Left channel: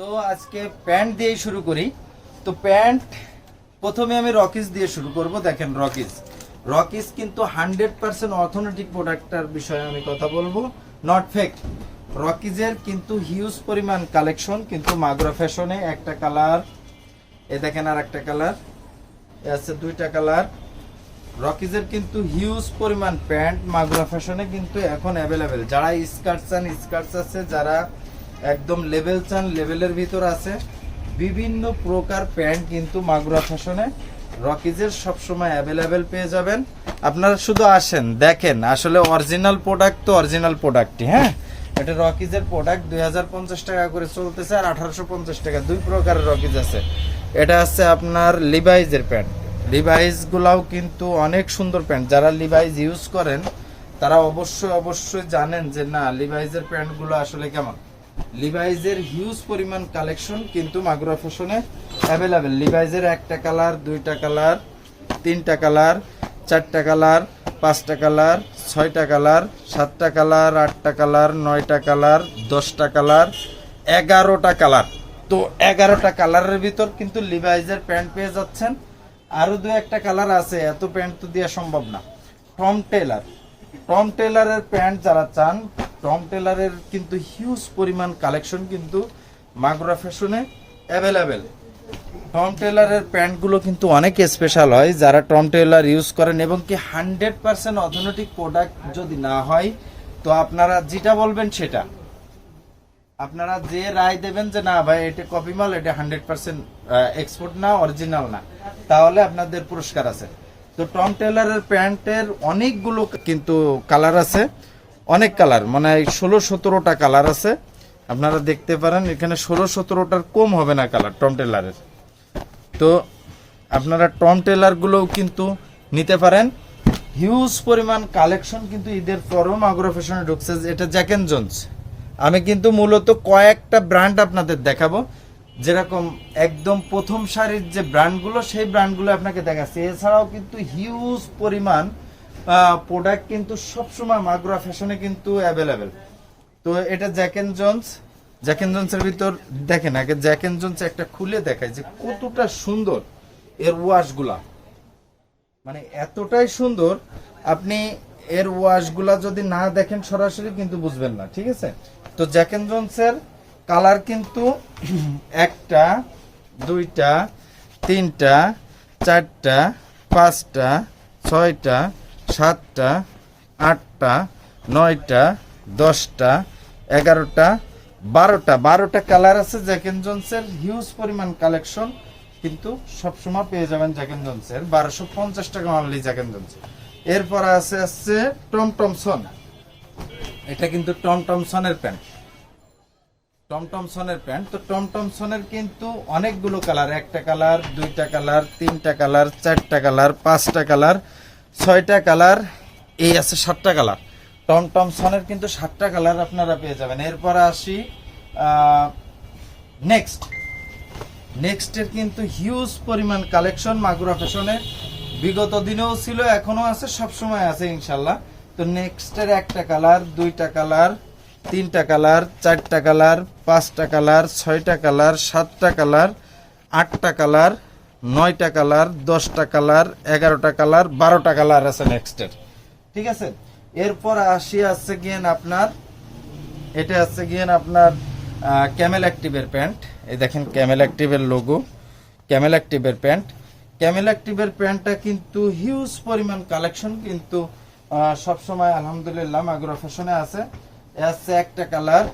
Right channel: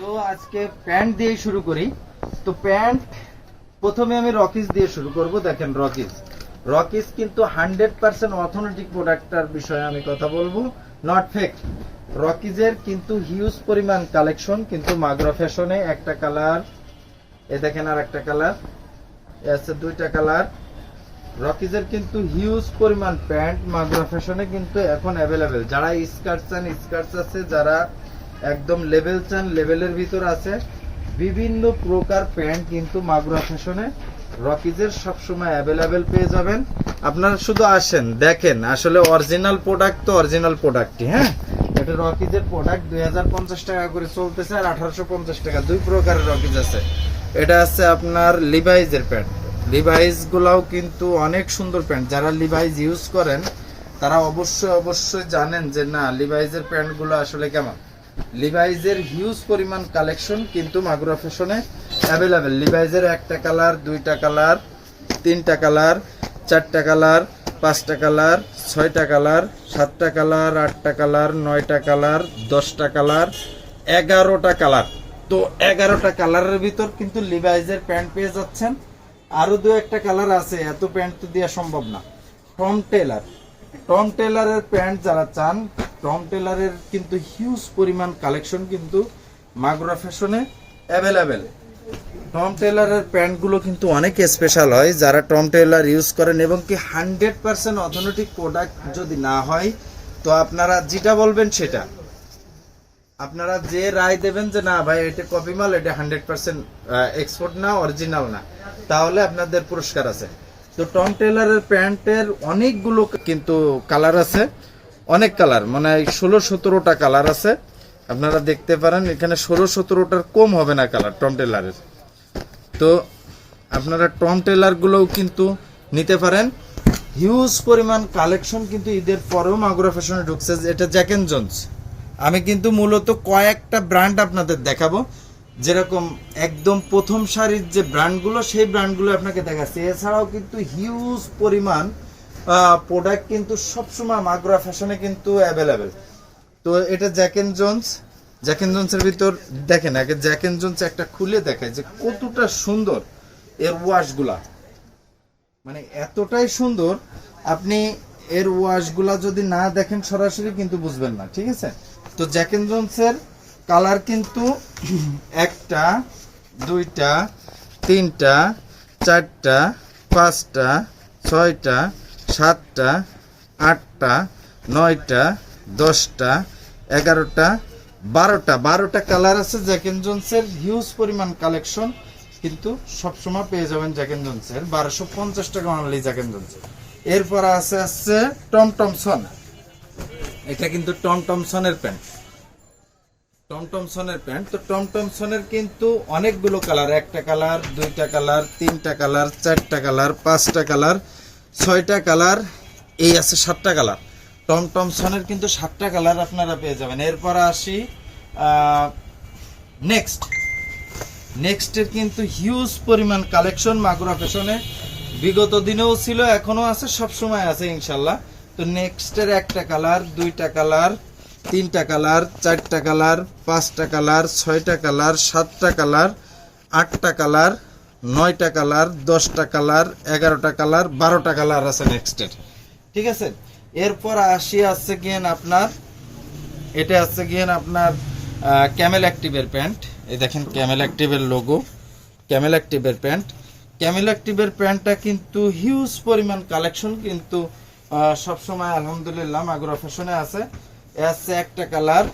তো আজকে প্যান্ট দিয়ে শুরু করি। তো প্যান্ট প্রথমে আমি রকিস দিয়ে শুরু করব, দেখেন রকিস। রকিস কিন্তু হান্ড্রেড পার্সেন্ট অর্থনৈতিক প্রোডাক্টটার বিষয়ে আমি কথা বলব নট ফেক রকিজের কিন্তু হিউজ পরিমাণ কালেকশন কিন্তু মাগুরা ফ্যাশনে একটা কালার এ দেখেন আর একটা কালার এ আছে দুইটা কালার রকিজের কিন্তু হিউজ পরিমাণ প্যান্ট মাগুরা ফ্যাশনে কিন্তু এখন অ্যাভেলেবেল যারা স্কার্ট চান স্কার্টস আছে, যারা একদম লেভেল চান লেভেলের ভিতর আছে। বিভিন্ন প্রকার প্যান্ট কিন্তু মাগুরা ফ্যাশনে রকিজের সবসময় অ্যাভেলেবেল পেয়ে যাবেন। আপনারা শুধু আসেন, দেখেন, আসলে অরিজিনাল প্রোডাক্ট তো অরিজিনাল প্রোডাক্টই হ্যাঁ? এটা রকিজের প্রোডাক্ট দুই হাজার পঞ্চাশ টাকা করে চলতেছে আর আঠারোশো পঞ্চাশ টাকা, দুই প্রকারের রকিজ আছে। এটা আছে আপনার লিভাইজের প্যান্ট। লিভাইজ গুলাও কিন্তু অনেক সুন্দর প্যান্ট। যারা লিভাইজ ইউজ করেন, তারা অবশ্যই অবশ্যই জানেন যে না লিভাইজের প্যান্টগুলো আসলে কেমন। লিভাইজের হিউজ পরিমাণ কালেকশন কিন্তু মাগুরা ফ্যাশনে অ্যাভেলেবেল লিভাইজের একটা কালার দুইটা কালার তিনটা কালার চারটা কালার পাঁচটা কালার ছয়টা কালার সাতটা কালার আটটা কালার নয়টা কালার দশটা কালার এগারোটা কালার তো এগারোটা কালারের ভিতর কিন্তু লিভাইজের প্যান্ট পেয়ে যাচ্ছেন। আরও দু একটা কালার আছে, এত প্যান্ট তো দেওয়া সম্ভব না। টম টেলার টম টেলারের প্যান্ট যারা চান টম টেলারের কিন্তু হিউজ পরিমাণ কালেকশন কিন্তু মাগুরা ফ্যাশনে অ্যাভেলেবেল টম টেলারের প্যান্টগুলো কিন্তু অনেক স্পেশাল হয়, যারা টম টেলার ইউজ করেন এবং কি হান্ড্রেড পার্সেন্ট অথেন্টিক প্রোডাক্ট যদি না হয়, তো আপনারা যেটা বলবেন সেটা। আপনারা যে রায় দেবেন যে না ভাই, এটা কপি মাল, এটা হান্ড্রেড পার্সেন্ট এক্সপোর্ট না অরিজিনাল না, তাহলে আপনাদের পুরস্কার আছে। তো টম টেলারের প্যান্টের অনেকগুলো কিন্তু কালার আছে। অনেক কালার মানে ষোলো সতেরোটা কালার আছে। আপনারা দেখতে পারেন, এখানে ষোলো সতেরোটার কম হবে না কালার টম টেলারের। তো আপনারা টম টেলারগুলোও কিন্তু নিতে পারেন। হিউজ পরিমাণ কালেকশন কিন্তু ঈদের পরেও মাগুরা ফ্যাশনে ঢুকছে, এটা জ্যাকেন জোন্স। আমি কিন্তু মূলত কয়েকটা ব্র্যান্ড আপনাদের দেখাবো। যেরকম একদম প্রথম সারির যে ব্র্যান্ডগুলো, সেই ব্র্যান্ডগুলো আপনাকে দেখাচ্ছে। এছাড়াও কিন্তু হিউজ পরিমাণ প্রোডাক্ট কিন্তু সবসময় মাগুরা ফ্যাশনে কিন্তু অ্যাভেলেবেল তো এটা Jack and Jones Jack and জোন্সের ভিতর দেখেন, আগে জ্যাক এন্ড জোন্স একটা খুলে দেখায় যে কতটা সুন্দর এর ওয়াশগুলা মানে এতটাই সুন্দর, আপনি এর ওয়াশগুলা যদি না দেখেন সরাসরি কিন্তু বুঝবেন না, ঠিক আছে? তো জ্যাকেন জোন্সের কালার কিন্তু একটা, দুইটা, তিনটা, চারটা, পাঁচটা, ছয়টা সাতটা, আটটা, নয়টা, দশটা, এগারোটা, বারোটা। বারোটা কালার আছে জ্যাকেন জোন্সের হিউজ পরিমাণ কালেকশন কিন্তু সবসময় পেয়ে যাবেন জ্যাকেন জোন্সের বারোশো পঞ্চাশ টাকা অনলি জ্যাকেন জোন্সের এরপর আছে আসছে টম টমসন এটা কিন্তু টম টমসনের প্যান্ট টম টমসনের প্যান্ট তো টম টমসনের কিন্তু অনেকগুলো কালার একটা কালার দুইটা কালার তিনটা কালার চারটা কালার পাঁচটা কালার ছয়টা কালার, এই আছে সাতটা কালার। টম টমসনের কিন্তু সাতটা কালার আপনারা পেয়ে যাবেন। এরপর আসি নেক্সট নেক্সটের কিন্তু হিউজ পরিমাণ কালেকশন মাগুরা ফ্যাশনে বিগত দিনেও ছিল এখনও আছে সব সময় আছে ইনশাল্লাহ। তো নেক্সটের একটা কালার, দুইটা কালার, তিনটা কালার, চারটা কালার, পাঁচটা কালার, ছয়টা কালার, সাতটা কালার, আটটা কালার নয়টা কালার, দশটা কালার, এগারোটা কালার, বারোটা কালার আছে নেক্সটের ঠিক আছে? এরপর আসি আছে গিয়েন আপনার, এটা আছে গিয়েন আপনার ক্যামেল অ্যাক্টিভের প্যান্ট। এই দেখেন ক্যামেল অ্যাক্টিভের লোগো ক্যামেল অ্যাক্টিভের প্যান্ট। ক্যামেল অ্যাক্টিভের প্যান্টটা কিন্তু হিউজ পরিমাণ কালেকশন কিন্তু সবসময় আলহামদুলিল্লাহ মাগুরা ফ্যাশনে আছে। এ আছে একটা কালার,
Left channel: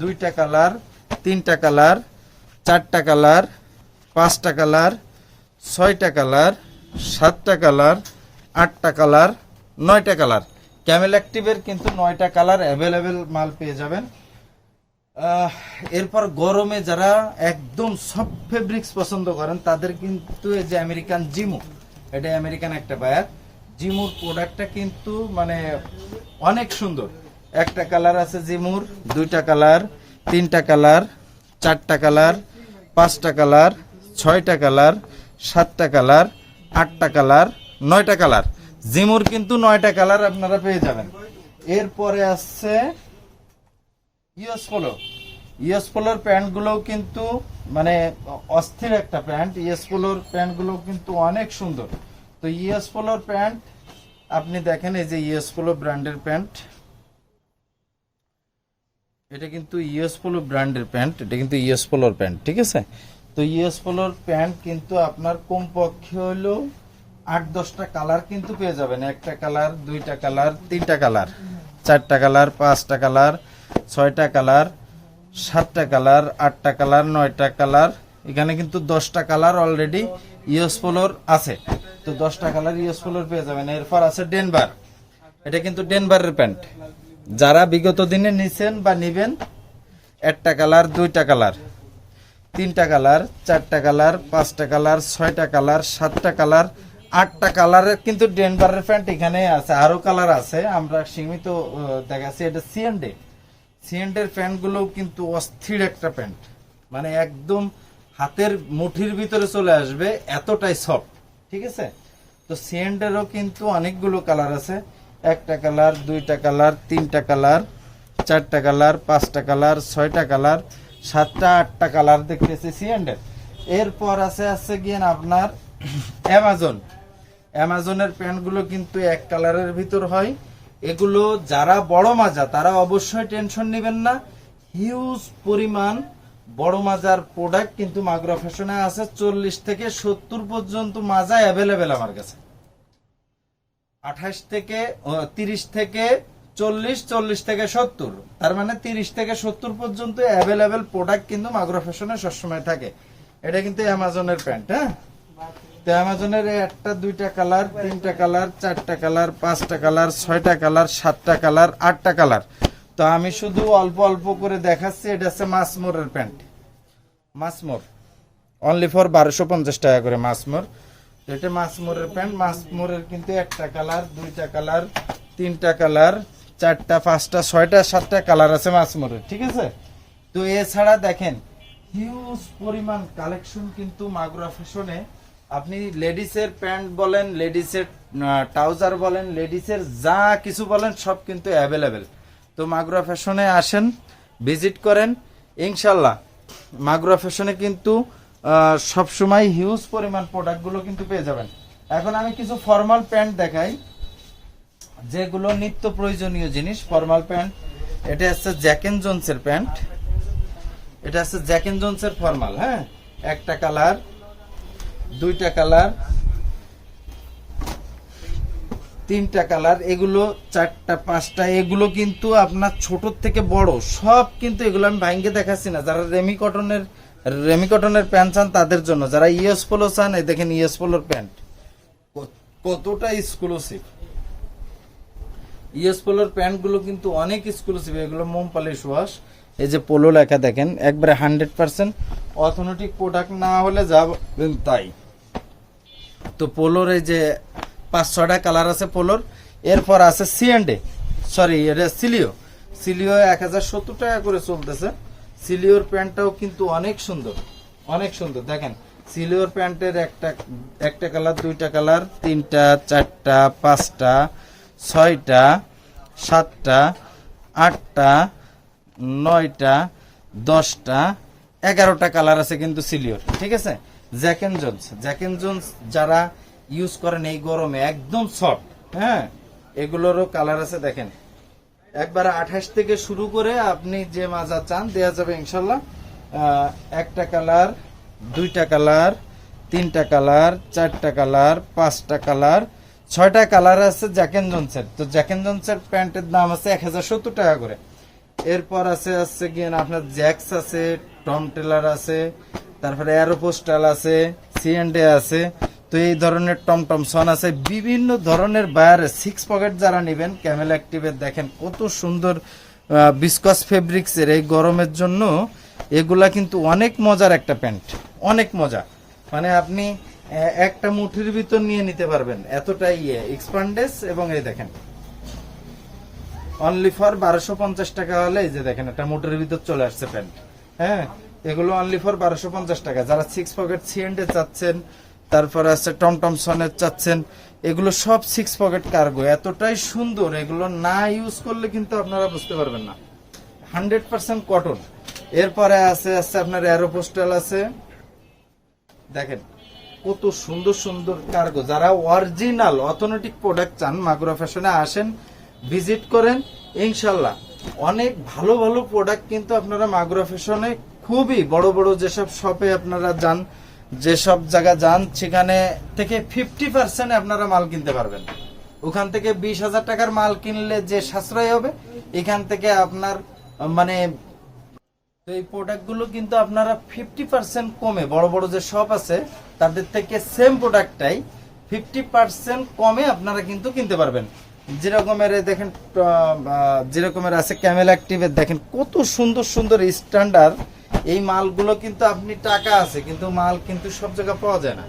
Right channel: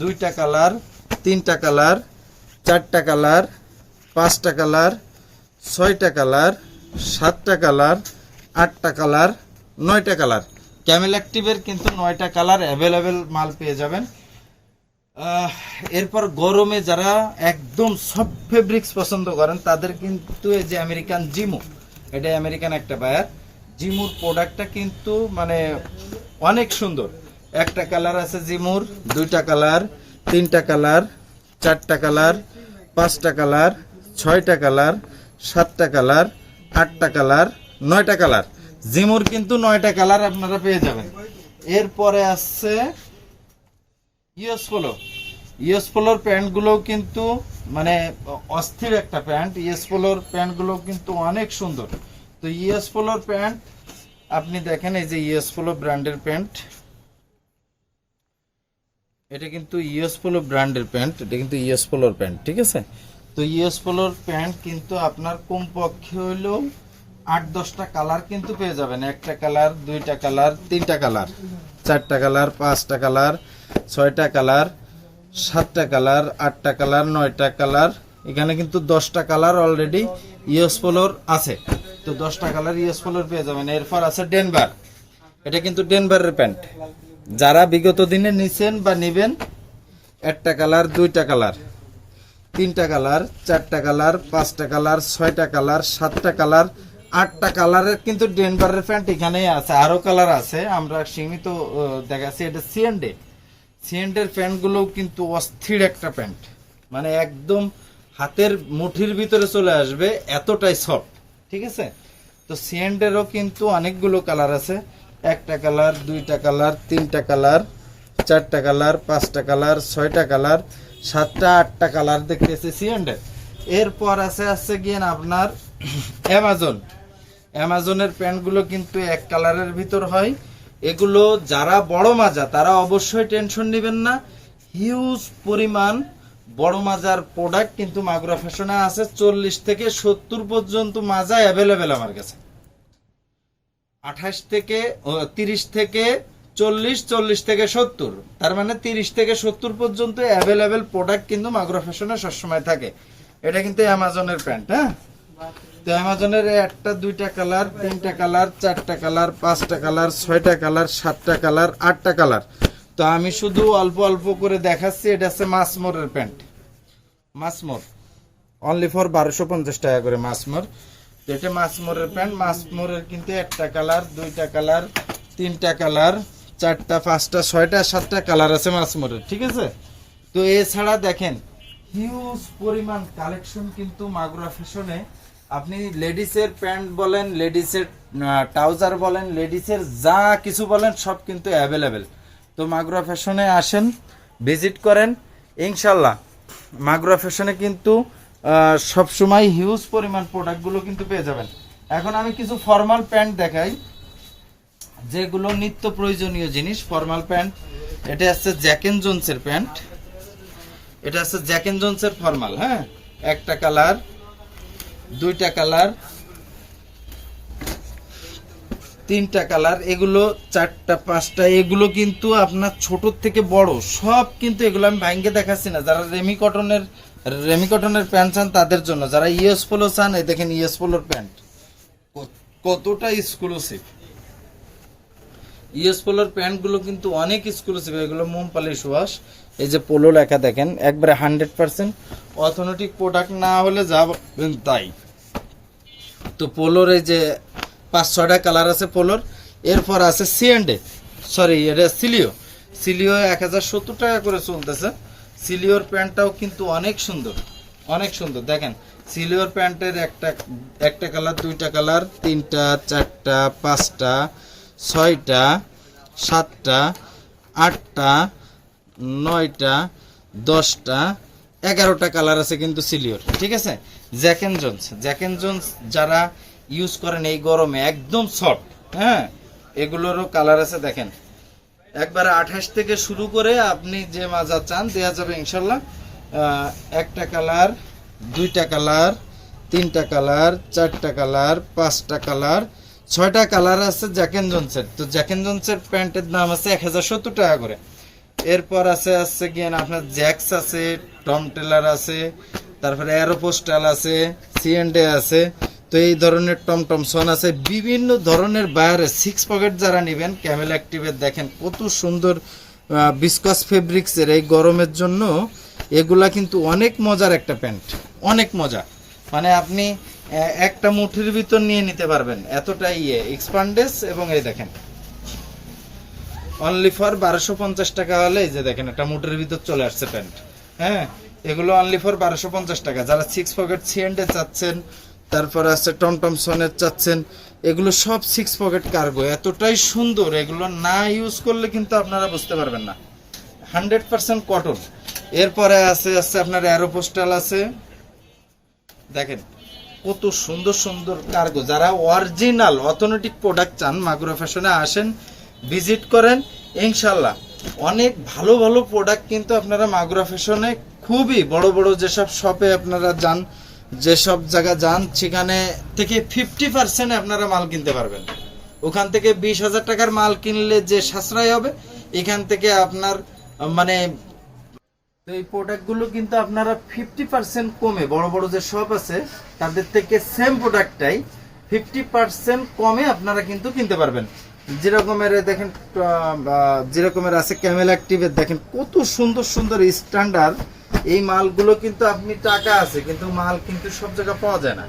দুইটা কালার, তিনটা কালার, চারটা কালার, পাঁচটা কালার ছয়টা কালার, সাতটা কালার, আটটা কালার, নয়টা কালার। ক্যামেল অ্যাক্টিভের কিন্তু নয়টা কালার অ্যাভেলেবেল মাল পেয়ে যাবেন। এরপর গরমে যারা একদম সব ফেব্রিক্স পছন্দ করেন, তাদের কিন্তু এই যে আমেরিকান জিমু এটা আমেরিকান একটা বায়ার জিমুর প্রোডাক্টটা কিন্তু মানে অনেক সুন্দর। একটা কালার আছে জিমুর দুইটা কালার, তিনটা কালার, চারটা কালার, পাঁচটা কালার, ছয়টা কালার সাতটা কালার, আটটা কালার, নয়টা কালার। জিমুর কিন্তু নয়টা কালার আপনারা পেয়ে যাবেন। এরপরে আসছে ইউএস পোলো। ইএস পোলোর প্যান্টগুলোও কিন্তু মানে অস্থির একটা প্যান্ট। ইএস পোলোর প্যান্টগুলো কিন্তু অনেক সুন্দর। তো ইএস পোলোর প্যান্ট, আপনি দেখেন এই যে ইএস পোলো ব্র্যান্ডের প্যান্ট। এটা কিন্তু ইএস পোলো ব্র্যান্ডের প্যান্ট, এটা কিন্তু ইএস পোলোর প্যান্ট, ঠিক আছে? তো ইএস পোলোর প্যান্ট কিন্তু আপনার কমপক্ষে হলেও আট, দশটা কালার কিন্তু পেয়ে যাবেন। একটা কালার, দুইটা কালার, তিনটা কালার, চারটা কালার, পাঁচটা কালার, ছয়টা কালার, সাতটা কালার, আটটা কালার, নয়টা কালার। এখানে কিন্তু দশটা কালার অলরেডি ইএস পোলোর আছে। তো দশটা কালার ইএস পোলোর পেয়ে যাবেন। এরপর আছে ডেনবার এটা কিন্তু ডেনবারের প্যান্ট। যারা বিগত দিনে নিছেন বা নিবেন, একটা কালার, দুইটা কালার। তিনটা কালার, চারটা কালার, পাঁচটা কালার, ছয়টা কালার, সাতটা কালার, আটটা কালারের কিন্তু ডেনভারের প্যান্ট এখানেই আছে। আরও কালার আছে, আমরা সীমিত দেখাচ্ছি। এটা সিএনডে সিএনডের প্যান্টগুলোও কিন্তু অস্থির একটা প্যান্ট। মানে একদম হাতের মুঠির ভিতরে চলে আসবে, এতটাই সফট। ঠিক আছে? তো সিএনডেরও কিন্তু অনেকগুলো কালার আছে। একটা কালার, দুইটা কালার, তিনটা কালার, চারটা কালার, পাঁচটা কালার, ছয়টা কালার। সাতটা, আটটা কালার দেখতেছি সিএনডের এরপর আছে আছে গিয়ে আপনার অ্যামাজন অ্যামাজনের প্যান্টগুলো কিন্তু এক কালারের ভিতর হয়। এগুলো যারা বড় মাজা, তারা অবশ্যই টেনশন নেবেন না। হিউজ পরিমাণ বড় মাজার প্রোডাক্ট কিন্তু মাগুরা ফ্যাশনে আছে। চল্লিশ থেকে সত্তর পর্যন্ত মাজা অ্যাভেলেবেল আমার কাছে। আঠাশ থেকে তিরিশ থেকে চল্লিশ চল্লিশ থেকে সত্তর। তার মানে তিরিশ থেকে সত্তর পর্যন্ত অ্যাভেলেবেল প্রোডাক্ট কিন্তু মাগুরা ফ্যাশনে সবসময় থাকে। এটা কিন্তু অ্যামাজনের প্যান্ট হ্যাঁ? তো অ্যামাজনের একটা, দুইটা কালার তিনটা কালার চারটা কালার পাঁচটা কালার ছয়টা কালার সাতটা কালার আটটা কালার তো আমি শুধু অল্প অল্প করে দেখাচ্ছি, এটা হচ্ছে মাসমোরের প্যান্ট। মাসমোর অনলি ফর বারোশো পঞ্চাশ টাকা করে মাসমোর তো এটা মাসমোরের প্যান্ট। মাসমোরের কিন্তু একটা কালার দুইটা কালার তিনটা কালার চারটা, পাঁচটা, ছয়টা, সাতটা কালার আছে মাছ মাসমোরের ঠিক আছে? তো এছাড়া দেখেন হিউজ পরিমাণ কালেকশন কিন্তু মাগুরা ফ্যাশনে আপনি লেডিসের প্যান্ট বলেন লেডিসের ট্রাউজার বলেন লেডিসের যা কিছু বলেন, সব কিন্তু অ্যাভেলেবেল তো মাগুরা ফ্যাশনে আসেন ভিজিট করেন। ইনশাল্লাহ মাগুরা ফ্যাশনে কিন্তু সবসময় হিউজ পরিমাণ প্রোডাক্টগুলো কিন্তু পেয়ে যাবেন। এখন আমি কিছু ফর্মাল প্যান্ট দেখাই। যেগুলো নিত্য প্রয়োজনীয় জিনিস ফর্মাল প্যান্ট এটা হচ্ছে জ্যাকেন জোনসের প্যান্ট এটা হচ্ছে জ্যাকেন জোনসের ফর্মাল হ্যাঁ? একটা কালার দুইটা কালার তিনটা কালার এগুলো চারটা, পাঁচটা, এগুলো কিন্তু আপনার ছোট থেকে বড়, সব কিন্তু এগুলো আমি ভাঙ্গে দেখাচ্ছি না। যারা রেমি কটনের রেমি কটনের প্যান্ট চান, তাদের জন্য। যারা ইএস পোলো চান, এই দেখেন ইএস পোলোর প্যান্ট কতটা এক্সক্লুসিভ ইএস পোলোর প্যান্টগুলো কিন্তু অনেক এক্সক্লুসিভ এগুলো মোম পলিশ ওয়াশ এই যে পোলো লেখা দেখেন, একবারে হান্ড্রেড পার্সেন্ট অথেন্টিক প্রোডাক্ট না হলে যাবেন তাই। তো পোলোর এই যে পাঁচ ছটা কালার আছে পোলোর, এরপর আছে সিএনডে সরি এটা সিলিও সিলিও এক হাজার সত্তর টাকা করে চলতেছে। সিলিওর প্যান্টটাও কিন্তু অনেক সুন্দর অনেক সুন্দর। দেখেন সিলিওর প্যান্টের একটা একটা কালার দুইটা কালার তিনটা, চারটা, পাঁচটা। ছয়টা, সাতটা, আটটা, নয়টা, দশটা, এগারোটা কালার আছে কিন্তু সিলিওর ঠিক আছে? Jack and Jones Jack and Jones যারা ইউজ করেন এই গরমে, একদম সফট হ্যাঁ? এগুলোরও কালার আছে, দেখেন। একবারে আঠাশ থেকে শুরু করে আপনি যে মাজা চান দেওয়া যাবে ইনশাল্লাহ। একটা কালার দুইটা কালার তিনটা কালার চারটা কালার পাঁচটা কালার ছয়টা কালার আছে জ্যাকেন জোন্সের তো জ্যাকেন জোন্সের প্যান্টের দাম আছে এক হাজার সত্তর টাকা করে। এরপর আছে আছে গিয়ে আপনার জ্যাক্স আছে টম টেলার আছে, তারপরে অ্যারোপোস্টাল আছে সিএনডে আছে। তো এই ধরনের টম সন আছে। বিভিন্ন ধরনের বাইরে সিক্স পকেট যারা নেবেন ক্যামেল অ্যাক্টিভের দেখেন কত সুন্দর বিস্কস ফেব্রিক্সের এই গরমের জন্য। এগুলা কিন্তু অনেক মজার একটা প্যান্ট। অনেক মজা। মানে আপনি একটা মুঠির ভিতর নিয়ে নিতে পারবেন। এতটাই ইয়ে। এক্সপান্ডেস এবং এই দেখেন। অনলি ফর বারোশো পঞ্চাশ টাকা হলে এই যে দেখেন, একটা মুটের ভিতর চলে আসছে প্যান্ট। হ্যাঁ? এগুলো অনলি ফর বারোশো পঞ্চাশ টাকা। যারা সিক্স পকেট সিএন্ডে চাচ্ছেন, তারপরে আছে টমটম সনের চাচ্ছেন, এগুলো সব সিক্স পকেট কার্গো এতটাই সুন্দর। এগুলো না ইউজ করলে কিন্তু আপনারা বুঝতে পারবেন না। হান্ড্রেড পার্সেন্ট কটন এরপরে আছে আছে আপনার অ্যারোপোস্টাল আছে। দেখেন। কত সুন্দর সুন্দর কার্গো যারা অরিজিনাল অথেন্টিক প্রোডাক্ট চান, মাগুরা ফ্যাশনে আসেন ভিজিট করেন ইনশাল্লাহ অনেক ভালো ভালো প্রোডাক্ট কিন্তু আপনারা মাগুরা ফ্যাশনে খুবই বড় বড় যেসব শপে আপনারা যান, যেসব জায়গা যান, সেখানে থেকে ফিফটি পার্সেন্ট আপনারা মাল কিনতে পারবেন। ওখান থেকে বিশ হাজার টাকার মাল কিনলে যে সাশ্রয় হবে, এখান থেকে আপনার মানে তো এই প্রোডাক্টগুলো কিন্তু আপনারা ফিফটি পার্সেন্ট কমে, বড় বড় যে শপ আছে, তাদের থেকে সেম প্রোডাক্টটাই ফিফটি পার্সেন্ট কমে আপনারা কিন্তু কিনতে পারবেন। যেরকমের দেখেন যেরকমের আছে ক্যামেল অ্যাক্টিভের দেখেন কত সুন্দর সুন্দর স্ট্যান্ডার্ড এই মালগুলো কিন্তু আপনি টাকা আছে, কিন্তু মাল কিন্তু সব জায়গায় পাওয়া যায় না।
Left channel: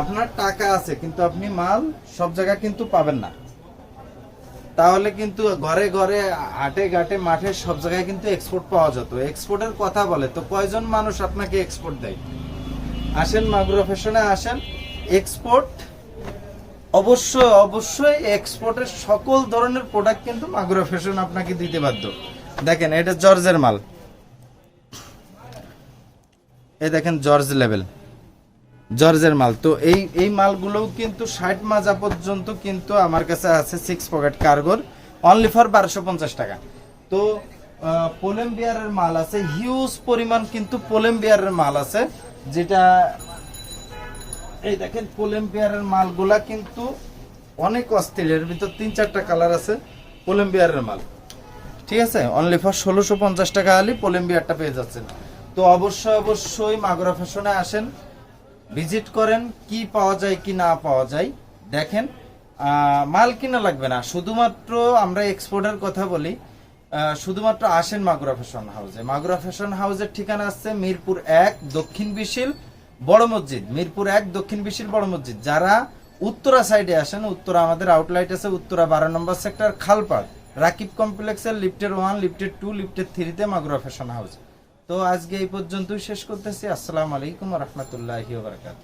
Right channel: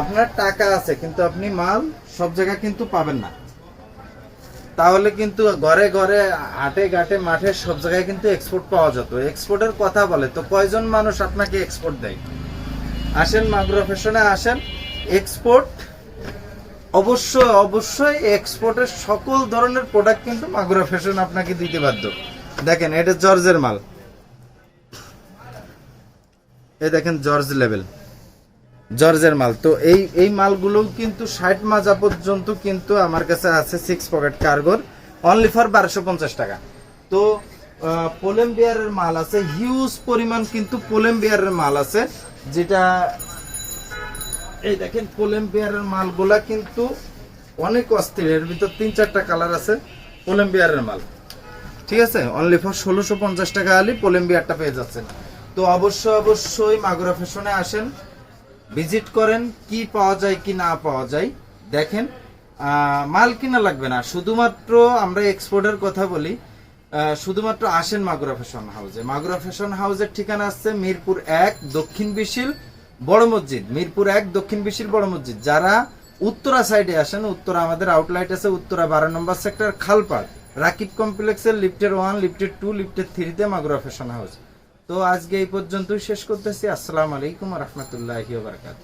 আপনার টাকা আছে, কিন্তু আপনি মাল সব জায়গায় কিন্তু পাবেন না। তাহলে কিন্তু ঘরে ঘরে, হাটে ঘাটে, মাঠে সব জায়গায় কিন্তু এক্সপোর্ট পাওয়া যেত। এক্সপোর্টের কথা বলে, তো কয়জন মানুষ আপনাকে এক্সপোর্ট দেয়? আসেন মাগুরা ফ্যাশনে আসেন। এক্সপোর্ট অবশ্যই অবশ্যই এক্সপোর্টের সকল ধরনের প্রোডাক্ট কিন্তু মাগুরা ফ্যাশন আপনাকে দিতে বাধ্য। দেখেন, এটা জর্জের মাল। এই দেখেন জর্জ লেভেল। জর্জের মাল। তো এই এই মালগুলোও কিন্তু ষাট মাজা পর্যন্ত কিন্তু আমার কাছে আছে সিক্স পকেট কার্গোর অনলি ফর বারোশো পঞ্চাশ টাকা। তো পোলেম বিয়ারের মাল আছে। হিউজ পরিমাণ কিন্তু পোলেম বিয়ারের মাল আছে, যেটা এই দেখেন পোলেম বিয়ারের মালগুলা কিন্তু অনেক অস্থির। এর ভিতর তিন চারটা কালার আছে পোলেম বিয়ারের মাল। ঠিক আছে? অনলি ফর ষোলোশো পঞ্চাশ টাকা হলে পোলেম বিয়ারটা পেয়ে যাচ্ছেন। তো অবশ্যই অবশ্যই মাগুরা ফ্যাশনে আসেন। ভিজিট করেন কি পাওয়া যায়, কি না পাওয়া যায়। দেখেন মাল কিনা লাগবে না। শুধুমাত্র আমরা এক্সপোর্টের কথা বলি শুধুমাত্র আসেন মাগুরা ফ্যাশন হাউসে। মাগুরা ফ্যাশন হাউসের ঠিকানা আছে মিরপুর এক, দক্ষিণ বিশিল বড় মসজিদ। মিরপুর এক, দক্ষিণ বিশিল বড় মসজিদ। যারা উত্তরা সাইডে আসেন, উত্তরা আমাদের আউটলাইট আছে, উত্তরা বারো নম্বর সেক্টর খালপাড়। রাকিব কমপ্লেক্সের লিফটের ওয়ান লিফটের টু লিফটের থ্রিতে মাগুরা ফ্যাশন হাউস। তো আজকে এই পর্যন্তই শেষ করতেছি। আসসালামু আলাইকুম রহমতুল্লাহ বারাকাতুহু।